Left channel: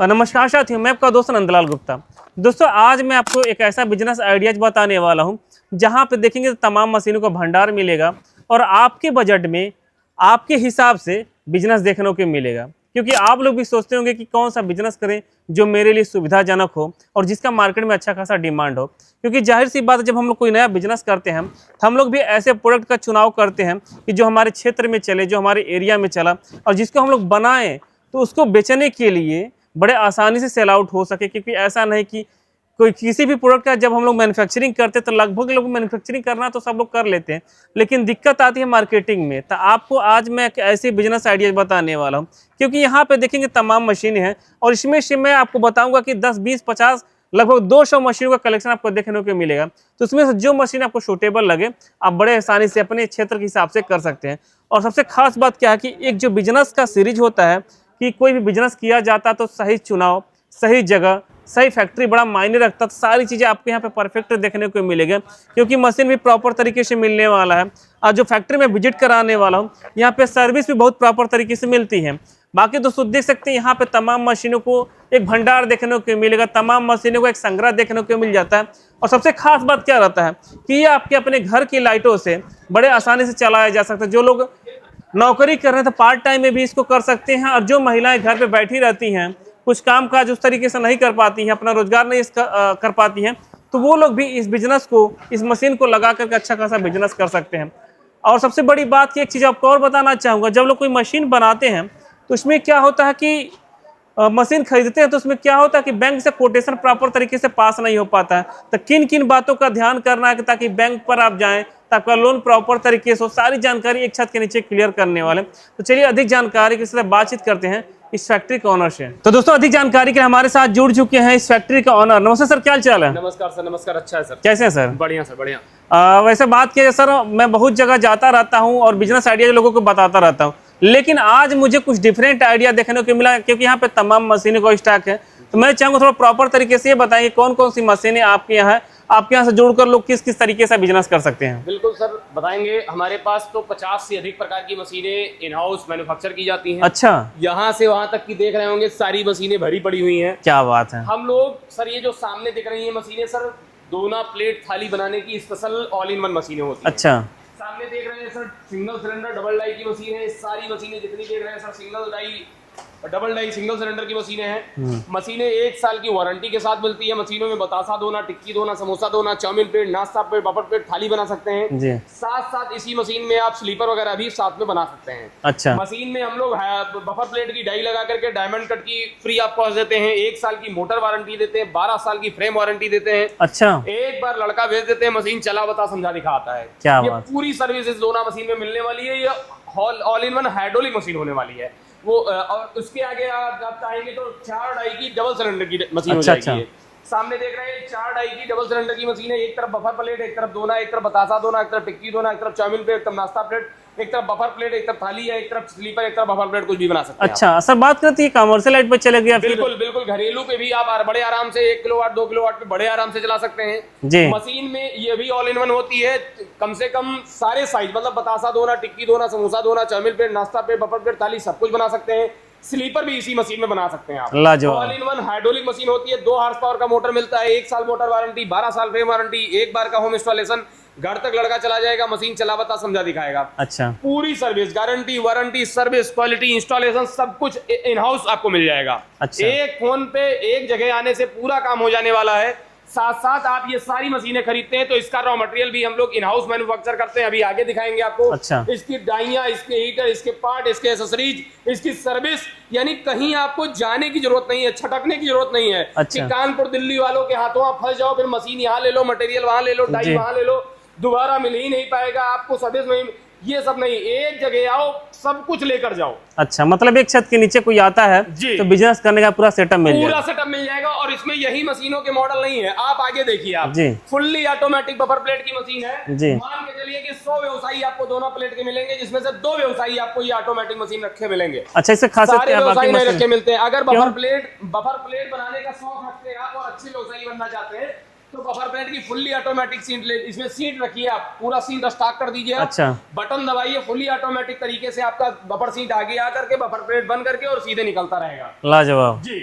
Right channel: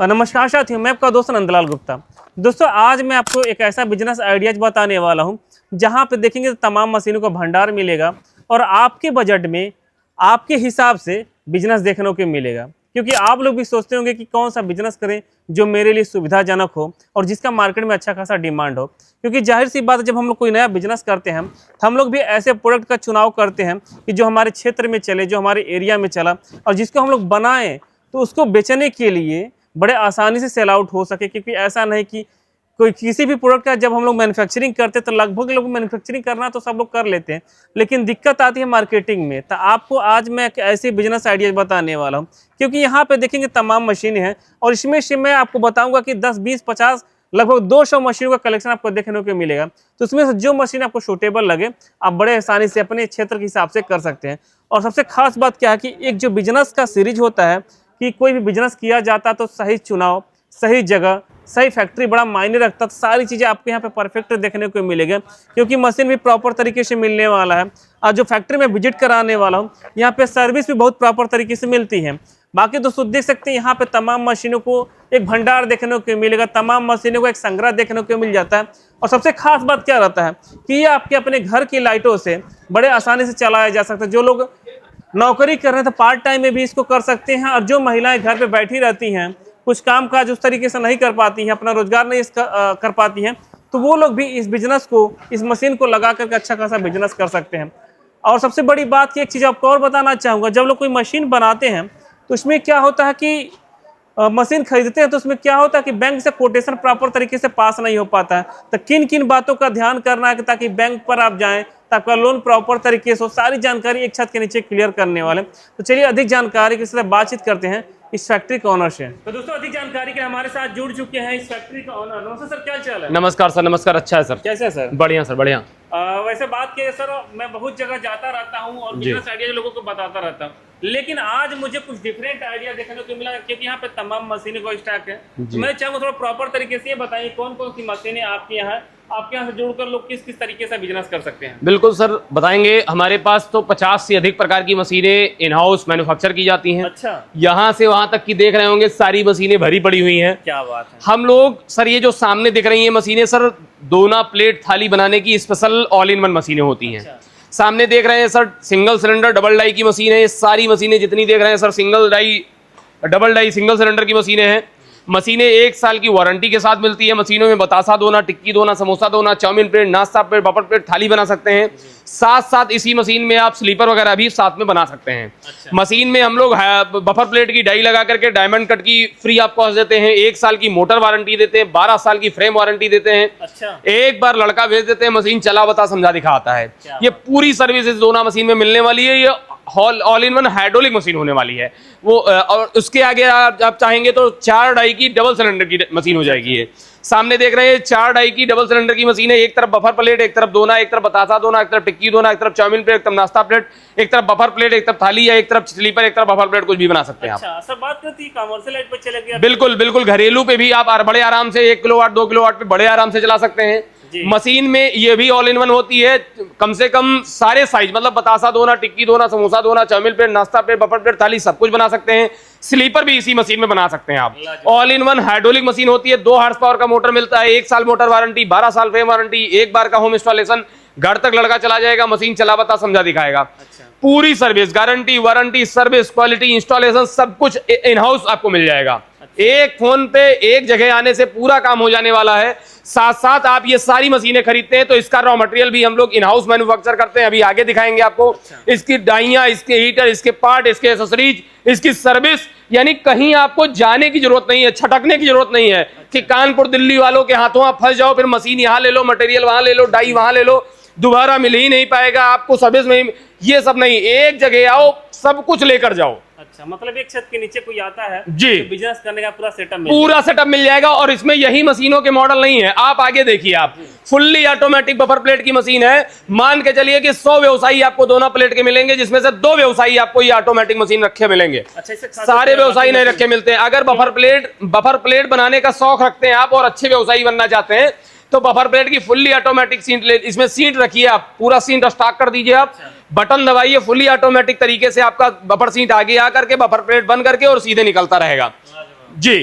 नमस्कार साथियों, मैं आपका दोस्त नंदलाल गुप्ता। दोस्तों, आज मैं आपको एक ऐसा बिजनेस आइडियाज बताने वाला हूं जहां पे देखेंगे तो तमाम मशीनों का भंडार मिलेगा और आपके बजट में आपके हिसाब से बिजनेस देखने को मिलेगा। क्योंकि आप लोग भी सोचते होंगे कि कौन सा बिजनेस करें जो मेरे लिए सुविधाजनक हो और जिसका मार्केट में अच्छा खासा डिमांड हो। क्योंकि जाहिर सी बात है, जब हम लोग कोई नया बिजनेस करते हैं तो हम लोग भी ऐसे प्रोडक्ट का चुनाव करते हैं कि जो हमारे क्षेत्र में चले, जो हमारे एरिया में चला और जिसको हम लोग बनाएं तो उसको बेचने के लिए बड़े आसानी से सेल आउट हो सके। क्योंकि ऐसा नहीं कि कोई किसी भी प्रोडक्ट का जब हम लोग मैन्युफैक्चरिंग करते हैं तो लगभग लोग मैन्युफैक्चरिंग करना तो सब लोग कर लेते हैं, लेकिन दिक्कत आती है मार्केटिंग में। तो आपको आज मैं एक ऐसे बिजनेस आइडिया बताने वाला हूं, क्योंकि यहाँ पे देखेंगे तमाम मशीनें हैं और इसमें से मैं आपको बताऊंगा कि 10, 20, 50 लगभग 200 मशीनों का कलेक्शन आपको देखने को मिलेगा। तो उसमें से जो मशीन आपको सूटेबल लगे आप बड़े आसानी से अपने क्षेत्र के हिसाब से कर सकते हैं। और सबसे खास बात क्या है कि एक जो बिजनेस का सीरीज होता है कि कोई भी बिजनेस किया जाता तो सही चुनाव, सही जगह, सही फैक्ट्री बड़ा मायने रखता। तो सारी चीज़ें आपको यहाँ पे परफेक्ट देखने को मिलेगा, क्योंकि मशीन भी प्रॉपर तरीके से मिलने वाला है। और जो फैक्ट्री में विजिट कराने वाला हूँ यहाँ पे सर्विस भी बहुत प्रॉपर तरीके से मिलती है। बाकी दोस्तों देख सकते हैं यहाँ पे तमाम मशीनों को एक भंडार देखने को मिलेगा, तमाम मशीनों को एक संग्रह देखने को मिल जाता है। और सबसे खास बात क्या रहता है कि ये आपके अपने घर की लाइटों से बड़े आसानी से चलाया जा सकता है। जो लोग नौकरी कर रहे हैं तो पार्ट टाइम में भी इसको कर सकते हैं, और जो महिलाएं घर पे बैठी रहती हैं, कुछ काम काज उस तरीके से नहीं कर पाती हैं, अपना रोजगार नहीं कर पाती हैं, तो वो लोग भी इस बिजनेस को, इस मशीन को लगा करके अच्छा खासा बिजनेस कर सकते हैं। और सबसे बड़ी बात की एक चीज़ आपको और बताना चाहूँगा, जब लोग कोई मशीन बनाते हैं तो उसमें क्या होता है कि मशीन खरीदते हैं तो उसमें क्या होता है कि बैंक से कोटेशन प्रॉपर तरीके से पास नहीं हो पाता है। तो किन किन बातों का ध्यान करना है ताकि बैंक पर आप जाएं, तो आपका लोन प्रॉपर तरीके से हो, सारी जानकारी एक छत के नीचे क्लियर करने वाले। तो चलिए अधिक जानकारी के साथ बातचीत करते हैं इस फैक्ट्री के ऑनर से। तो दोस्तों, अधिक जानकारी के लिए हमारे साथ जुड़ चुके हैं इस फैक्ट्री का ऑनर। नमस्ते सर, क्या चाल है? नमस्कार सर। नमस्कार। अच्छा है सर। कैसे हैं सर? बढ़िया सर, बढ़िया। वैसे बात किया सर, मैं बहुत जगह जाता रहता हूँ और बिजनेस आइडिया लोगों को बताता रहता हूँ, लेकिन आज मुझे कुछ डिफरेंट आइडिया देखने को मिला, क्योंकि यहाँ पे तमाम मशीनों का स्टॉक है। तो मैं चाहूँगा थोड़ा प्रॉपर तरीके से ये बताइए कौन कौन सी मशीनें आपके यहाँ से जोड़कर लोग किस किस तरीके से बिजनेस कर सकते हैं। बिल्कुल सर, बताएंगे। हमारे पास तो 50 से अधिक प्रकार की मशीनें इन हाउस मैन्युफैक्चर की जाती हैं। अच्छा। यहाँ से वहां तक की देख रहे होंगे, सारी मशीनें भरी पड़ी हुई हैं। क्या बात है। हम लोग सर, ये जो सामने दिख रही है मशीनें सर, दोना प्लेट थाली बनाने की स्पेशल ऑल इन वन मशीनें होती हैं। अच्छा। सामने देख रहे हैं sir, single cylinder double die की मशीन है। सारी मशीनें जितनी देख रहे हैं sir, single die, double die, single cylinder की मशीनें हैं। मशीनें 1 साल की वारंटी के साथ मिलती है। मशीनों में बतासा दोना, टिक्की दोना, समोसा दोना, चाउमीन प्लेट, नाश्ता प्लेट, बफर प्लेट, थाली बना सकते हैं। साथ साथ इसी मशीन में आप स्लीपर वगैरह भी साथ में बना सकते हैं। अच्छा। मशीन में हम लोग बफर प्लेट की डाई लगा करके डायमंड कट की फ्री आपको देते हैं। 1 साल की मोटर वारंटी देते हैं, 12 साल की फ्रेम वारंटी देते हैं। अच्छा। एक बार लड़का भेज देते हैं, मशीन चला बता समझा दिखा आता है। ये पूरी सर्विस इस दोना मशीन में मिलने वाली है। ये all in one hydraulic machine होने वाली है वो। और उसके आगे आप चाहेंगे तो 4 डाई की डबल सिलेंडर की मशीन हो जाएगी। ये सामने देख रहे हैं 4 डाई की डबल सिलेंडर की मशीन है। एक तरफ बफर प्लेट, एक तरफ दोना, एक तरफ बतासा दोना, एक तरफ टिक्की दोना, एक तरफ चाउमीन प्लेट, एक तरफ नाश्ता प्लेट, एक तरफ बफर प्लेट, एक तरफ थाली, या एक तरफ स्लीपर, एक तरफ बफर प्लेट, कुछ भी बना सकते हैं। अच्छा सर, बात करती है कमर्शियल लाइट पे चले गया। बिल्कुल बिल्कुल, घरेलू पे भी आप बड़े आराम से 1 किलोवाट 2 किलोवाट पे बड़े आराम से चला सकते हैं। मशीन में ये भी ऑल इन वन होती है। कम से कम सारे साइज, मतलब बतासा दोना, टिक्की दोना, समोसा दोना, चाउमीन प्लेट, नाश्ता प्लेट, बफर प्लेट, थाली, सब कुछ बना सकते हैं। स्लीपर भी इसी मशीन में बना सकते हैं आप। All in one hydraulic machine होती है। 2 हॉर्स पावर का मोटर मिलता है, 1 साल मोटर वारंटी, 12 साल फ्रेम वारंटी, 1 बार का होम इंस्टॉलेशन। घर तक लड़का चला जाएगा, मशीन चला बता समझा दिखाएगा। अच्छा। पूरी service, guarantee, warranty, service, quality, installation, सब कुछ इन हाउस आपको मिल जाएगा। अच्छा। एक फोन पे एक जगह आने से पूरा काम हो जाने वाला है। साथ साथ आप ये सारी मशीनें खरीदते हैं तो इसका रॉ मटेरियल भी हम लोग इन हाउस मैन्युफैक्चर करते हैं। अभी आगे दिखाएंगे आपको। अच्छा। इसकी डाइयां, इसके हीटर, इसके पार्ट, इसके एक्सेसरीज, इसकी सर्विस, यानी कहीं आपको जाने की जरूरत नहीं है, छटकने की जरूरत नहीं है। अच्छा। कि कानपुर दिल्ली वालों के हाथों आप फंस जाओ, फिर मशीन यहाँ ले लो, मटेरियल वहां ले लो, डाई वहां ले लो, दोबारा मिल ही नहीं पाएगा आपको, सर्विस में ये सब नहीं। एक जगह आओ, सब कुछ लेकर जाओ। अच्छा, मतलब एक छत के नीचे कोई आता है जी तो बिजनेस करने का पूरा सेटअप मिल जाएगा। और इसमें यही मशीनों के मॉडल नहीं है, आप आगे देखिए। आप फुल्ली ऑटोमेटिक बफर प्लेट की मशीन है। मान के चलिए कि 100 व्यवसायी आपको दोनों प्लेट के मिलेंगे, जिसमें से 2 व्यवसायी आपको ये ऑटोमेटिक मशीन रखे मिलेंगे। अच्छा, इससे सारे व्यवसायी नहीं रखे मिलते। अगर बफर प्लेट बनाने का शौक रखते हैं आप और अच्छे व्यवसायी बनना चाहते हैं तो बफर प्लेट की फुल्ली ऑटोमेटिक सीट, इसमें सीट रखिए, आप पूरा सीट स्टॉक कर दीजिए। आप अच्छा। बटन दबाइए, फुल्ली ऑटोमेटिक तरीके से आपका बफर सीट आगे आकर के बफर प्लेट बंद करके और सीधे निकलता रहेगा। लाजवाब जी।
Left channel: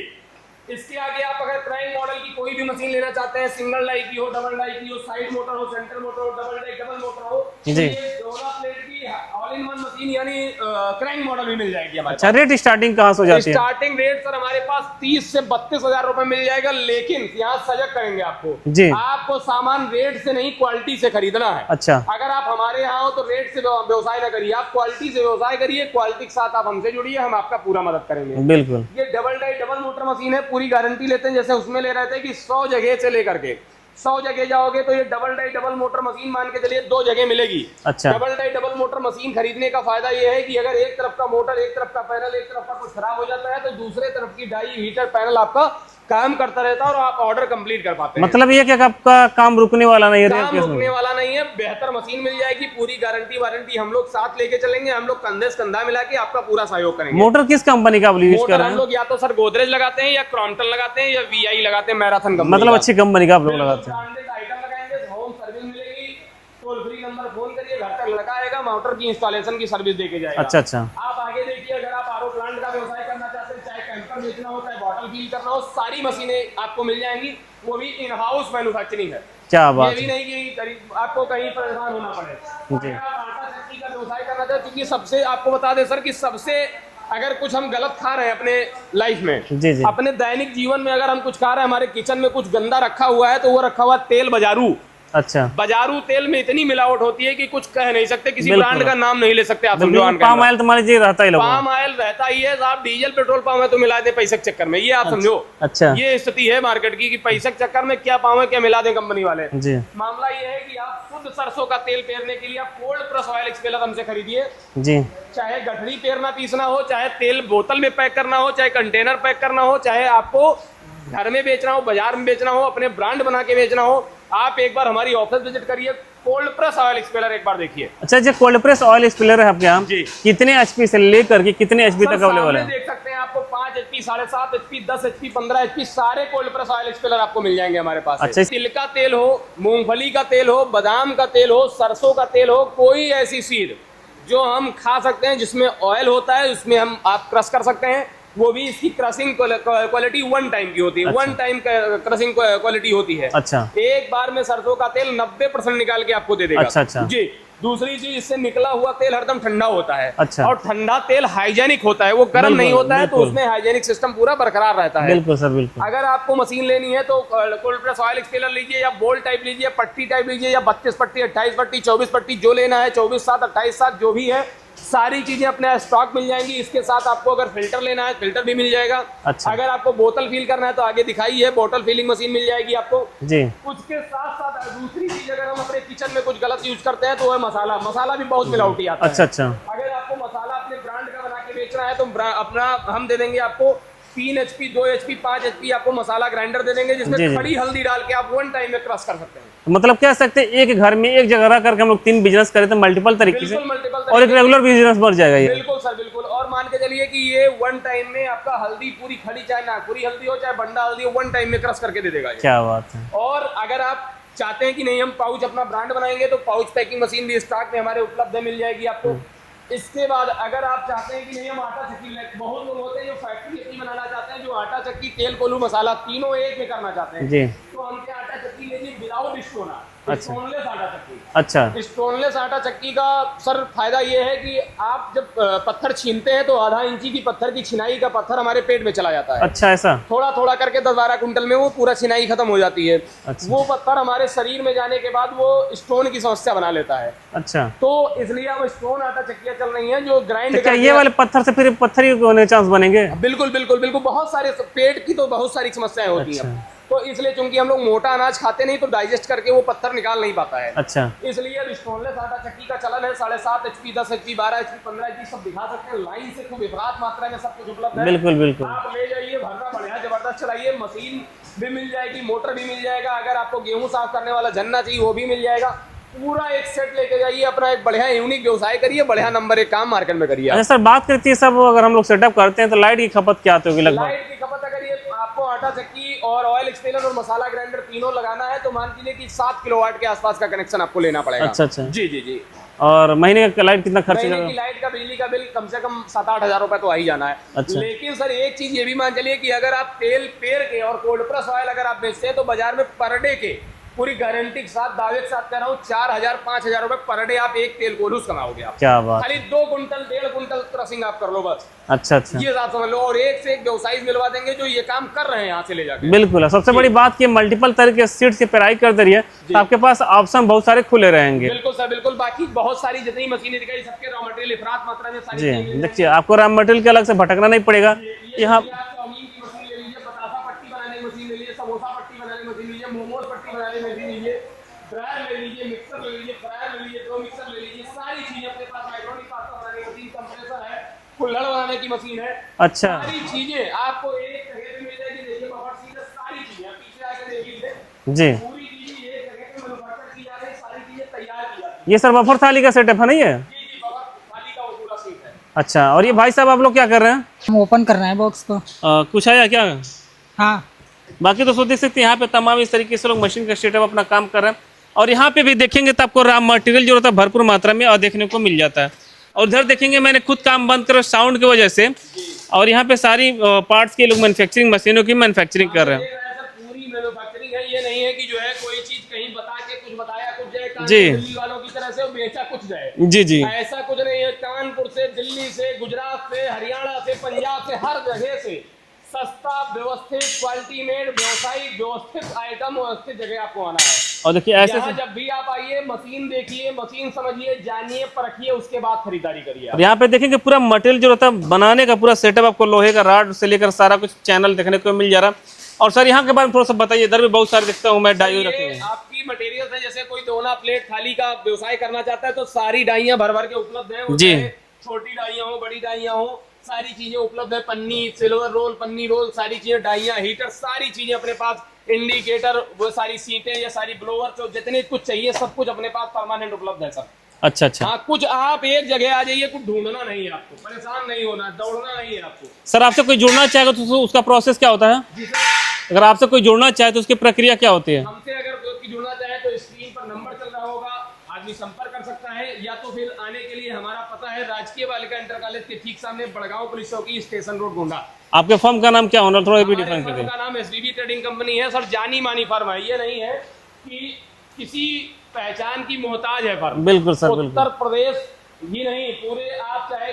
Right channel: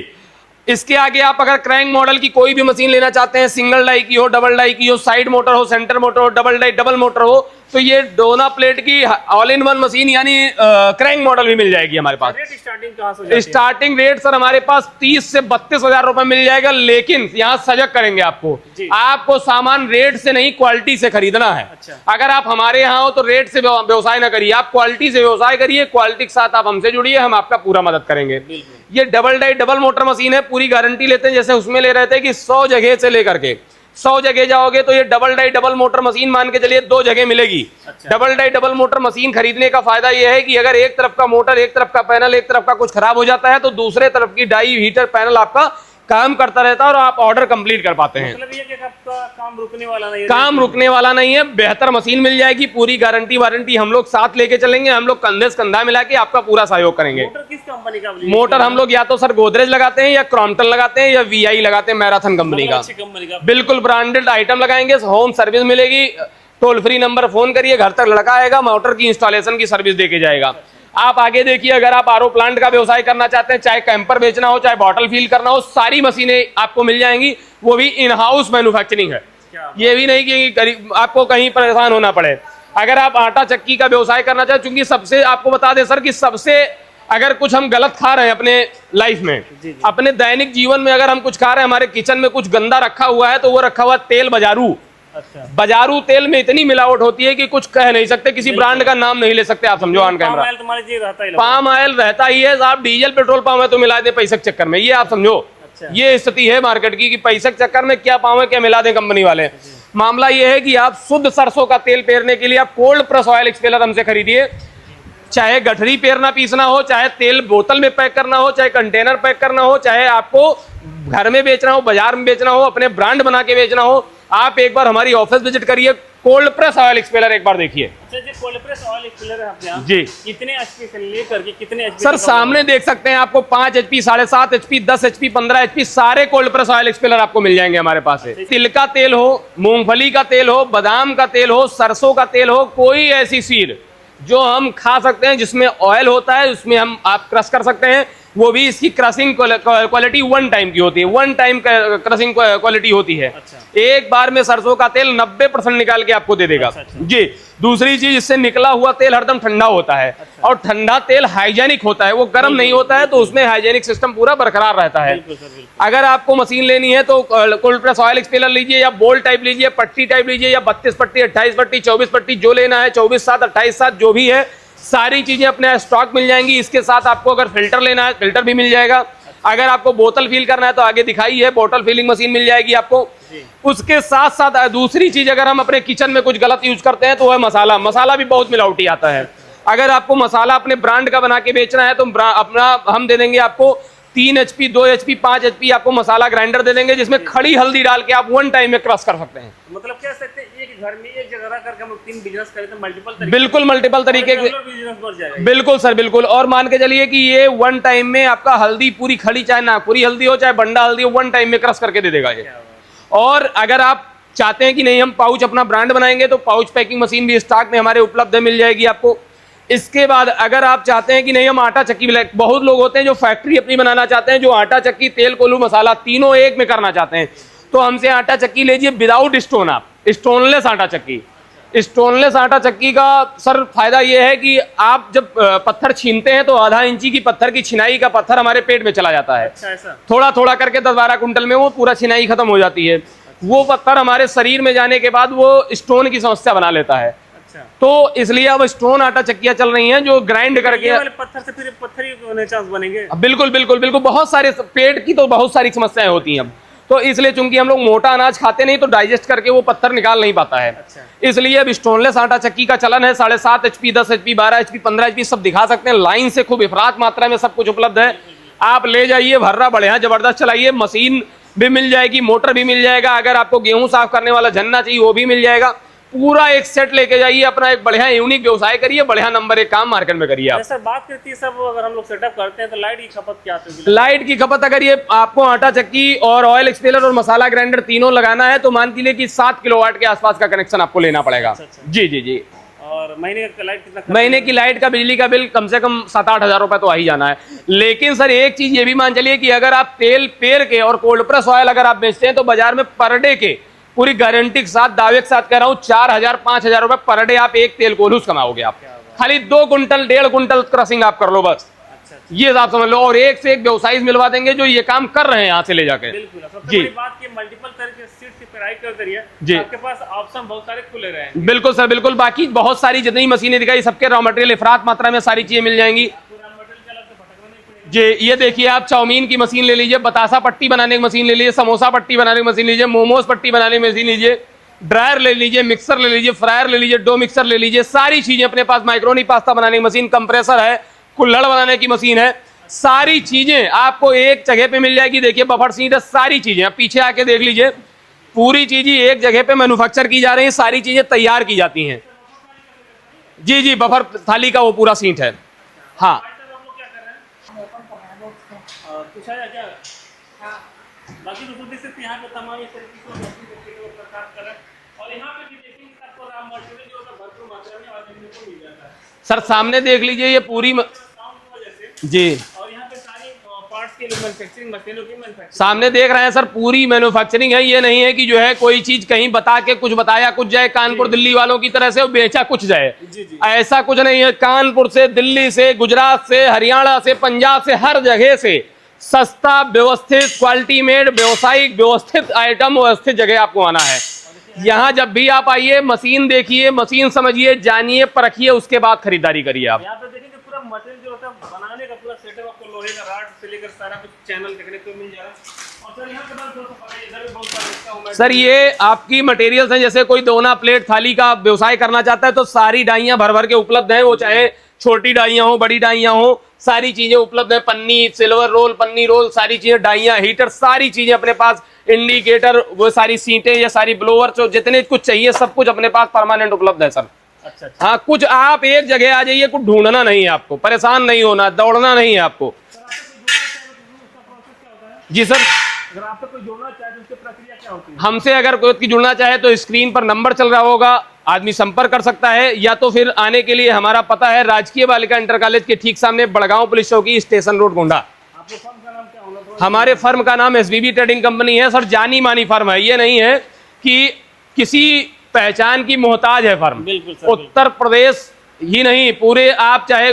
इसके आगे आप अगर क्रैंक मॉडल की कोई भी मशीन लेना चाहते हैं, सिंगल डाई की हो, डबल डाई की हो, साइड मोटर हो, सेंटर मोटर हो, डबल डाई डबल मोटर हो, तो ये डोना प्लेट की ऑल इन वन मशीन यानी क्रैंक मॉडल भी मिल जाएगी हमारे पास। रेट स्टार्टिंग कहाँ से हो जाती है? स्टार्टिंग रेट सर हमारे पास 30 से 32,000 रुपए मिल जाएगा, लेकिन यहाँ सजग करेंगे आपको जी। आपको सामान रेट से नहीं क्वालिटी से खरीदना है। अच्छा, अगर आप हमारे यहाँ हो तो रेट से व्यवसाय ना करिए, आप क्वालिटी से व्यवसाय करिए, क्वालिटी के साथ आप हमसे जुड़िए, हम आपका पूरा मदद करेंगे। बिल्कुल। ये double die double motor machine है, पूरी गारंटी लेते हैं। जैसे उसमें ले रहे थे कि 100 जगह से लेकर के 100 जगह जाओगे तो ये double die double motor machine मान के चलिए 2 जगह मिलेगी। अच्छा। Double die double motor machine खरीदने का फायदा ये है कि अगर एक तरफ का मोटर, एक तरफ का पैनल, एक तरफ का कुछ खराब हो जाता है तो दूसरे तरफ की डाई हीटर पैनल आपका काम करता रहता है और आप ऑर्डर कंप्लीट कर पाते हैं। मतलब ये क्या आपका काम रुकने वाला नहीं है? काम रुकने वाला नहीं है, बेहतर मशीन मिल जाएगी, पूरी गारंटी वारंटी हम लोग साथ लेके चलेंगे, हम लोग कंधे से कंधा मिला के आपका पूरा सहयोग करेंगे। मोटर किस कंपनी का? मोटर हम लोग या तो सर गोदरेज लगाते हैं, या क्रॉम्पटन लगाते हैं, या VI लगाते हैं, मैराथन कंपनी। मतलब अच्छी कंपनी का? बिल्कुल ब्रांडेड आइटम लगाएंगे, होम सर्विस मिलेगी, टोल फ्री नंबर फोन करिए, घर तक लड़का आएगा, मोटर की इंस्टॉलेशन की सर्विस देके जाएगा। अच्छा, अच्छा। आप आगे देखिए, अगर आप आरओ प्लांट का व्यवसाय करना चाहते हैं, चाहे कैंपर बेचना हो, चाहे बॉटल फील करना हो, सारी मशीनें आपको मिल जाएंगी, वो भी इन हाउस मैन्युफैक्चरिंग है। क्या बात ये भी नहीं कि आपको कहीं परेशान होना पड़े। अगर आप आटा चक्की का व्यवसाय करना चाहते, क्योंकि सबसे आपको बता दे सर कि सबसे अगर कुछ हम गलत खा रहे हैं अपने लाइफ में, जी। अपने दैनिक जीवन में अगर हम कुछ खा रहे हैं, हमारे किचन में कुछ गंदा रखा हुआ है, तो वो रखा हुआ है तेल बाजारू। अच्छा। बाजारू तेल में इतनी मिलावट होती है कि कुछ कह नहीं सकते, किसी ब्रांड का नाम नहीं ले सकते आप, समझो। पाम ऑयल तुम्हारे जी रहता ही, पाम ऑयल रहता ही है साहब, डीजल पेट्रोल पाम है तो मिला दे पैसे के चक्कर में, ये आप समझो। अच्छा। ये स्थिति है मार्केट की कि पैसे के चक्कर में क्या पाम है क्या मिला दे कंपनी वाले जी। मामला ये है कि आप शुद्ध सरसों का तेल पेरने के लिए आप कोल्ड प्रेस ऑयल एक्सपेलर हमसे खरीदिए जी। चाहे गठरी पेरना पीसना हो, चाहे तेल बोतल में पैक करना हो, चाहे कंटेनर पैक करना हो, चाहे आपको घर में बेचना हो, बाजार में बेचना हो, अपने ब्रांड बना के बेचना हो, आप एक बार हमारी ऑफिस विजिट करिए, कोल्ड प्रेस ऑयल एक्सपेलर एक बार देखिए। अच्छा, जो कोल्ड प्रेस ऑयल एक्सपेलर है आपके यहाँ जी, कितने HP से लेकर के कितने HP सर तक सामने देख सकते हैं, आपको 5 HP, 7.5 HP, 10 HP, 15 HP सारे कोल्ड प्रेस ऑयल एक्सपेलर आपको मिल जाएंगे हमारे पास। अच्छा। तिल का तेल हो, मूंगफली का तेल हो, बादाम का तेल हो, सरसों का तेल हो, कोई ऐसी सीड जो हम खा सकते हैं जिसमें ऑयल होता है, उसमें हम आप क्रश कर सकते हैं, वो भी इसकी क्रशिंग क्वालिटी 1 टाइम की होती है। 1 टाइम क्रशिंग क्वालिटी होती है। अच्छा। एक बार में सरसों का तेल 90% निकाल के आपको दे देगा। अच्छा, अच्छा। जी। दूसरी चीज, इससे निकला हुआ तेल हरदम ठंडा होता है। अच्छा। और ठंडा तेल हाइजेनिक होता है, वो गर्म नहीं होता है, तो उसमें हाइजेनिक सिस्टम पूरा बरकरार रहता है। बिल्कुल सर, बिल्कुल। अगर आपको मशीन लेनी है तो कोल्ड प्रेस ऑयल एक्सपेलर लीजिए, या बोल्ट टाइप लीजिए, पट्टी टाइप लीजिए, या 32 पट्टी, 28 पट्टी, 24 पट्टी, जो लेना है, 24/7, 28/7 जो भी है, सारी चीजें अपने स्टॉक मिल जाएंगी। इसके साथ आपको अगर फिल्टर लेना है, फिल्टर भी मिल जाएगा। अच्छा। अगर आपको बोतल फिल करना है तो आगे दिखाई है, बोतल फिलिंग मशीन मिल जाएगी आपको जी। उसके साथ साथ दूसरी चीज, अगर हम अपने किचन में कुछ गलत यूज करते हैं तो वह मसाला भी बहुत मिलावटी आता है। अच्छा। अगर आपको मसाला अपने ब्रांड का बना के बेचना है तो अपना हम दे देंगे आपको 3 HP, 2 HP, 5 HP आपको मसाला ग्राइंडर दे देंगे, जिसमें खड़ी हल्दी डाल के आप 1 टाइम में क्रश कर सकते हैं। मतलब कह सकते हैं एक घर में एक जगह रह करके हम लोग 3 बिजनेस करें तो मल्टीपल तरीके, बिल्कुल मल्टीपल तरीके, रेगुलर बिजनेस बढ़ जाएगा। बिल्कुल सर, बिल्कुल। और मान के चलिए कि ये 1 टाइम में आपका हल्दी पूरी खड़ी, चाहे नागपुरी हल्दी हो, चाहे बंडा हल्दी हो, 1 टाइम में क्रश करके दे देगा ये। क्या बात है। और अगर आप चाहते हैं कि नहीं हम पाउच अपना ब्रांड बनाएंगे, तो पाउच पैकिंग मशीन भी स्टॉक में हमारे उपलब्ध है, मिल जाएगी आपको। इसके बाद अगर आप चाहते हैं कि नहीं हम आटा चक्की, बहुत लोग होते हैं जो फैक्ट्री अपनी बनाना चाहते हैं, जो आटा चक्की, तेल, कोल्हू, मसाला तीनों एक में करना चाहते हैं, तो हमसे आटा चक्की लीजिए विदाउट स्टोन, आप स्टोनलेस आटा चक्की। अच्छा। स्टोनलेस आटा चक्की का सर फायदा ये है कि आप जब पत्थर छीनते हैं तो आधा इंची की पत्थर की छिनाई का पत्थर हमारे पेट में चला जाता है। अच्छा, ऐसा थोड़ा थोड़ा करके 10-12 कुंटल में वो पूरा छिनाई खत्म हो जाती है। अच्छा। वो पत्थर हमारे शरीर में जाने के बाद वो स्टोन की समस्या बना लेता है। अच्छा। तो इसलिए अब स्टोन आटा चक्कियां चल रही हैं जो ग्राइंड करके, ये वाले पत्थर से फिर पत्थर ही होने चांस बनेंगे। बिल्कुल बिल्कुल बिल्कुल, बहुत सारे पेट की तो बहुत सारी समस्याएं होती हैं अब। तो इसलिए चूंकि हम लोग मोटा अनाज खाते नहीं, तो डाइजेस्ट करके वो पत्थर निकाल नहीं पाता है। अच्छा। इसलिए अब स्टोनलेस आटा चक्की का चलन है। 7.5 HP, 10 HP, 12 HP, 15 HP सब दिखा सकते हैं, लाइन से खूब इफरात मात्रा में सब कुछ उपलब्ध है। बिल्कुल बिल्कुल। आप ले जाइए, भर्रा बढ़िया जबरदस्त चलाइए, मशीन भी मिल जाएगी, मोटर भी मिल जाएगा। अगर आपको गेहूं साफ करने वाला झन्ना चाहिए वो भी मिल जाएगा। पूरा एक सेट लेके जाइए, अपना एक बढ़िया यूनिक व्यवसाय करिए, बढ़िया नंबर 1 काम मार्केट में करिए। सर बात करती है सब, अगर हम लोग सेटअप करते हैं तो लाइट की खपत क्या होगी? लाइट की खपत अगर ये आपको आटा चक्की और ऑयल एक्सपेलर और मसाला ग्राइंडर तीनों लगाना है तो मान के लिए कि 7 किलोवाट के आसपास का कनेक्शन आपको लेना पड़ेगा। अच्छा। जी जी जी। और महीने का लाइट कितना खर्च? महीने की लाइट का बिजली का बिल कम से कम 7-8 हजार रुपए तो आ ही जाना है। अच्छा। लेकिन सर एक चीज ये भी मान चलिए कि अगर आप तेल पेर के और कोल्ड प्रेस ऑयल अगर आप बेचते हैं तो बाजार में पर डे के पूरी गारंटी के साथ दावे के साथ कह रहा हूँ 4,000-5,000 रुपए पर डे आप एक तेल कोल्हूस कमाओगे आप। क्या बात। खाली 2 कुंटल 1.5 कुंटल क्रशिंग आप कर लो बस। अच्छा अच्छा, ये आप समझ लो, और एक से एक व्यवसायी मिलवा देंगे जो ये काम कर रहे हैं यहाँ से ले जाके। बिल्कुल। सबसे जी। बड़ी बात कि मल्टीपल तरह के सीट्स की पेराई कर दे रही है, जी। तो आपके पास ऑप्शन बहुत सारे खुले रहेंगे। बिल्कुल सर बिल्कुल। बाकी बहुत सारी जितनी मशीनें दिखाई सबके रॉ मटेरियल इफरात मात्रा में सारी चीजें मिल जाएंगी आपको रॉ मटेरियल के अलग से भटकना नहीं पड़ेगा। जी। ये देखिए आप चाउमीन की मशीन ले लीजिए, बतासा पट्टी बनाने की मशीन ले लीजिए, समोसा पट्टी बनाने की मशीन लीजिए, मोमोज पट्टी बनाने की मशीन लीजिए, ड्रायर ले लीजिए, मिक्सर ले लीजिए, फ्रायर ले लीजिए, डो मिक्सर ले लीजिए, सारी चीजें अपने पास। माइक्रोनी पास्ता बनाने की मशीन, कंप्रेसर है, कुल्हड़ बनाने की मशीन है। अच्छा। सारी चीजें आपको एक जगह पे मिल जाएगी। देखिए बफर सीट है, सारी चीजें आप पीछे आके देख लीजिए, जी। पूरी चीजें एक जगह पे मैन्युफैक्चर की जा रही है, सारी चीजें तैयार की जाती हैं। ये सर बफर थाली का सेटअप है नहीं है? जी जी, बफर थाली का वो पूरा सीट है। अच्छा। और ये हाँ। भाई साहब आप लोग क्या कर रहे हैं? हम ओपन कर रहे हैं बॉक्स को। कुछ आया क्या? हाँ, बाकी तो देख सकते हैं यहाँ पे तमाम इस तरीके से लोग मशीन का सेटअप अपना काम कर रहे हैं। और यहाँ पे भी देखेंगे तो आपको रॉ मटेरियल जो होता है भरपूर मात्रा में और देखने को मिल जाता है। सर और सामने देखेंगे देख मैंने लीजिए कुछ काम पूरी बंद करो साउंड की वजह से। जी। और यहाँ पे सारी पार्ट्स के लोग मैन्युफैक्चरिंग मशीनों की मैन्युफैक्चरिंग सामने देख रहे हैं सर, पूरी मैन्युफैक्चरिंग है। ये नहीं है कि जो है कोई चीज कहीं बता के कुछ बताया कुछ जाए कानपुर जी। दिल्ली वालों की तरह से और बेचा कुछ जाए। जी जी। ऐसा कुछ नहीं है। कानपुर से, दिल्ली से, गुजरात से, हरियाणा से, पंजाब से, हर जगह से सस्ता, व्यवस्थित, क्वालिटी मेड, व्यवसायिक, व्यवस्थित आइटम, व्यवस्थित जगह आपको आना है। और देखिए यहाँ जब भी आप आइए, मशीन देखिए, मशीन समझिए, जानिए, परखिए, उसके बाद खरीदारी करिए आप। यहाँ पे देखेंगे पूरा मटेरियल जो रहता है बनाने का पूरा सेटअप आपको लोहे का रॉड से लेकर सारा कुछ चैनल देखने को मिल जा रहा है। और सर यहाँ के बारे में थोड़ा सा बताइए, इधर भी बहुत सारे देखता हूँ मैं। सर ये आपकी मटेरियल्स हैं, जैसे कोई दोना प्लेट थाली का व्यवसाय करना चाहता है तो सारी डाइयां भर भर के उपलब्ध हैं। वो जी। चाहे छोटी डाइयां हो, बड़ी डाइयां हो, सारी चीजें उपलब्ध है। पन्नी, सिल्वर रोल, पन्नी रोल, सारी चीजें, डाइयां, हीटर, सारी चीजें अपने पास। इंडिकेटर, वो सारी सीटें, ये सारी ब्लोअर, जो जितने कुछ चाहिए सब कुछ अपने पास परमानेंट उपलब्ध है सर। अच्छा अच्छा। हाँ, कुछ आप एक जगह आ जाइए, कुछ ढूंढना नहीं है आपको, परेशान नहीं होना, दौड़ना नहीं है आपको। सर आपसे कोई जुड़ना चाहेगा तो उसका प्रोसेस क्या होता है? जी सर, अगर आपसे कोई जुड़ना चाहे तो उसकी प्रक्रिया क्या होती है? हमसे अगर कोई जुड़ना चाहे तो स्क्रीन पर नंबर चल रहा होगा, आदमी संपर्क कर सकता है। या तो फिर आने के लिए हमारा पता है राजकीय बालिका इंटर कॉलेज के ठीक सामने, बड़गांव पुलिस चौकी, स्टेशन रोड, गोंडा। आपके फर्म का नाम क्या होना? थोड़ा हमारे फर्म का नाम एसबीबी ट्रेडिंग कंपनी है सर। जानी मानी फर्म है, ये नहीं है कि किसी पहचान की मोहताज है फर्म। बिल्कुल सर, बिल्कुल। उत्तर प्रदेश ही नहीं, पूरे आप चाहे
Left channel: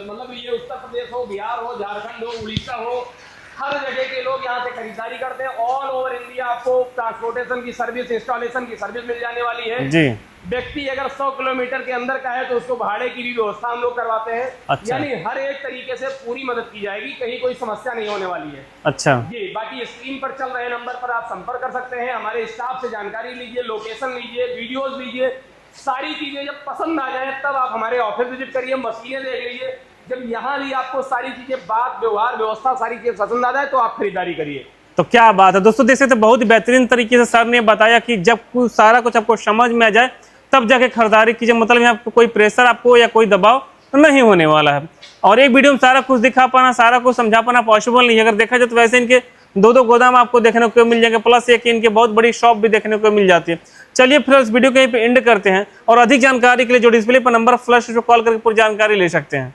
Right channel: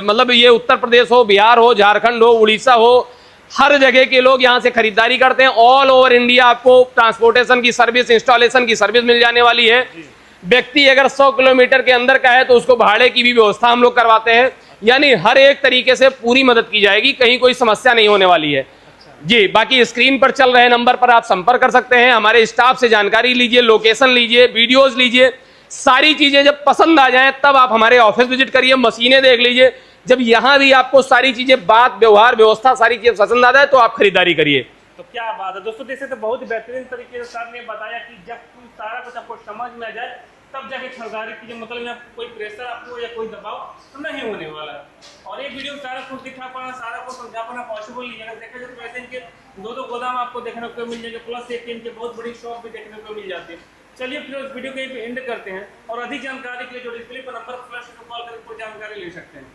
मतलब ये उत्तर प्रदेश हो, बिहार हो, झारखंड हो, उड़ीसा हो, हर जगह के लोग यहाँ से खरीदारी करते हैं। ऑल ओवर इंडिया आपको ट्रांसपोर्टेशन की सर्विस, इंस्टॉलेशन की सर्विस मिल जाने वाली है जी। व्यक्ति अगर 100 किलोमीटर के अंदर का है तो उसको भाड़े की भी व्यवस्था हम लोग करवाते हैं। अच्छा। यानी हर एक तरीके से पूरी मदद की जाएगी, कहीं कोई समस्या नहीं होने वाली है। अच्छा जी। बाकी स्क्रीन पर चल रहे नंबर पर आप संपर्क कर सकते हैं, हमारे स्टाफ से जानकारी लीजिए, लोकेशन लीजिए, वीडियोस लीजिए, सारी चीजें जब पसंद आ जाए तब आप हमारे ऑफिस विजिट करिए, मशीनें देख लीजिए। जब यहाँ भी आपको सारी चीजें, बात, व्यवहार, व्यवस्था, सारी चीजें पसंद आ जाए तो आप खरीदारी करिए। तो क्या बात है दोस्तों, देख सकते बहुत ही बेहतरीन तरीके से सर ने बताया कि जब सारा कुछ आपको समझ में आ जाए तब जाके खरीदारी कीजिए। मतलब यहाँ आपको कोई प्रेशर आपको या कोई दबाव नहीं होने वाला है। और एक वीडियो में सारा कुछ दिखा पाना, सारा कुछ समझा पाना पॉसिबल नहीं है। अगर देखा जाए तो वैसे इनके 2-2 गोदाम आपको देखने को मिल जाएंगे, प्लस एक इनके बहुत बड़ी शॉप भी देखने को मिल जाती है। चलिए फिर इस वीडियो को यहीं पे एंड करते हैं और अधिक जानकारी के लिए जो डिस्प्ले पर नंबर फ्लैश कॉल करके पूरी जानकारी ले सकते हैं।